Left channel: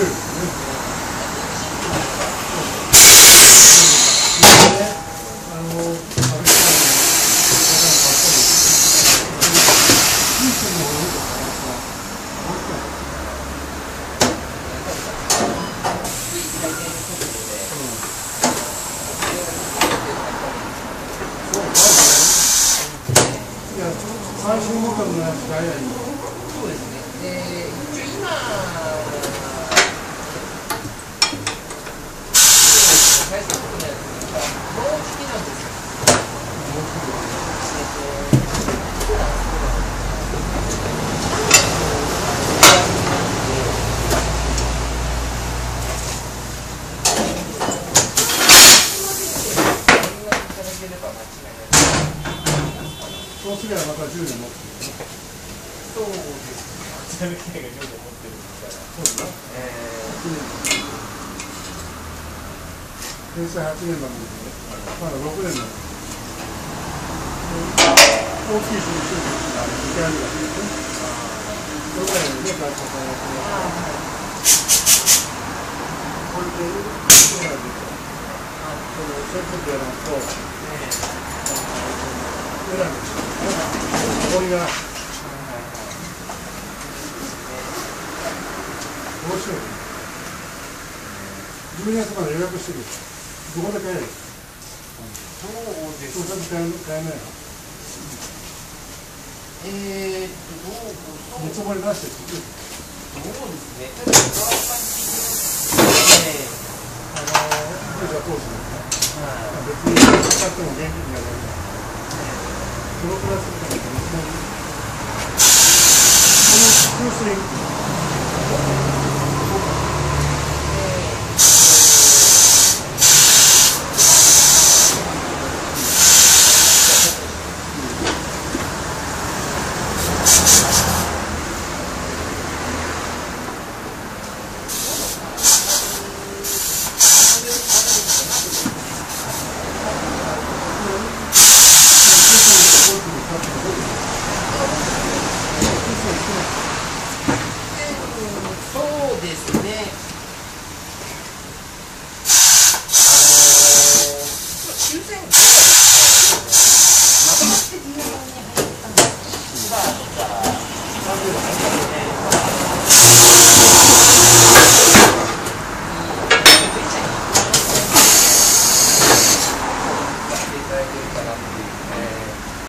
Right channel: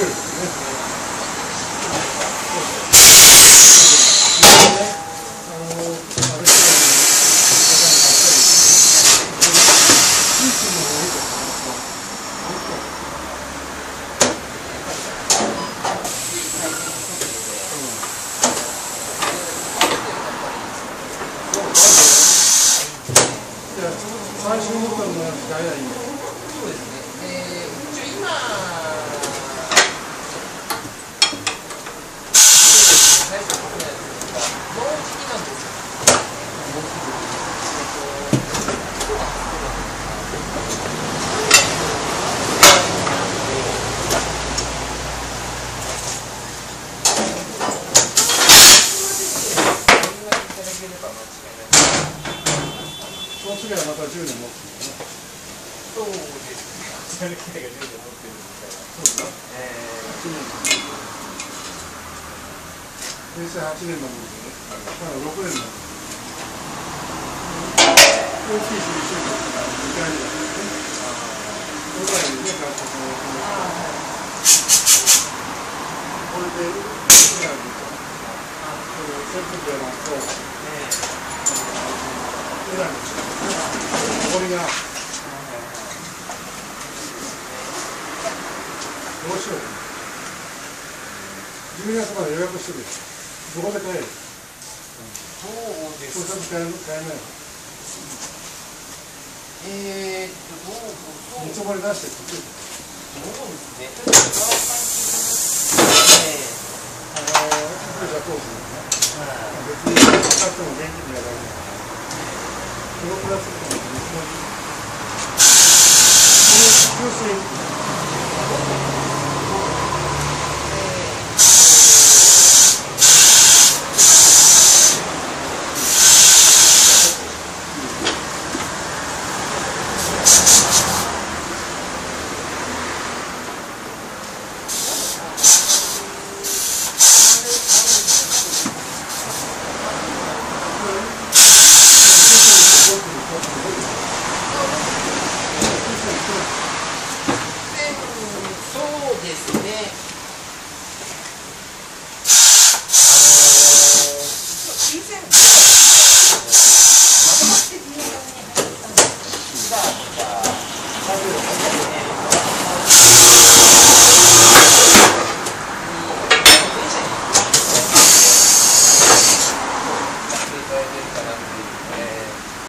白いですね。最新モデルのやつが早いんだ。そうですね。一応今、最初のやつが、もうじきなんですよ。そうすればまた10年持つんだな。そうですね。こちらの機械が10年持ってるんですから。そうだな。8年。平成8年までで、まだ6年の大きい処理手術が2回目だったんですね。それぐらいにね、会社さんやってますから。これで、エラーで、その接続エラーと、エラーですよね。これが、どうしようね。12月まで予約してる。どこで買える？そうですね。そうちゃんと買えないの？見積もり出してって言ってそうですね。ただ、川弊社投資ですね。別に使っても現金でやられない。このプラスチックの見積もり。この給水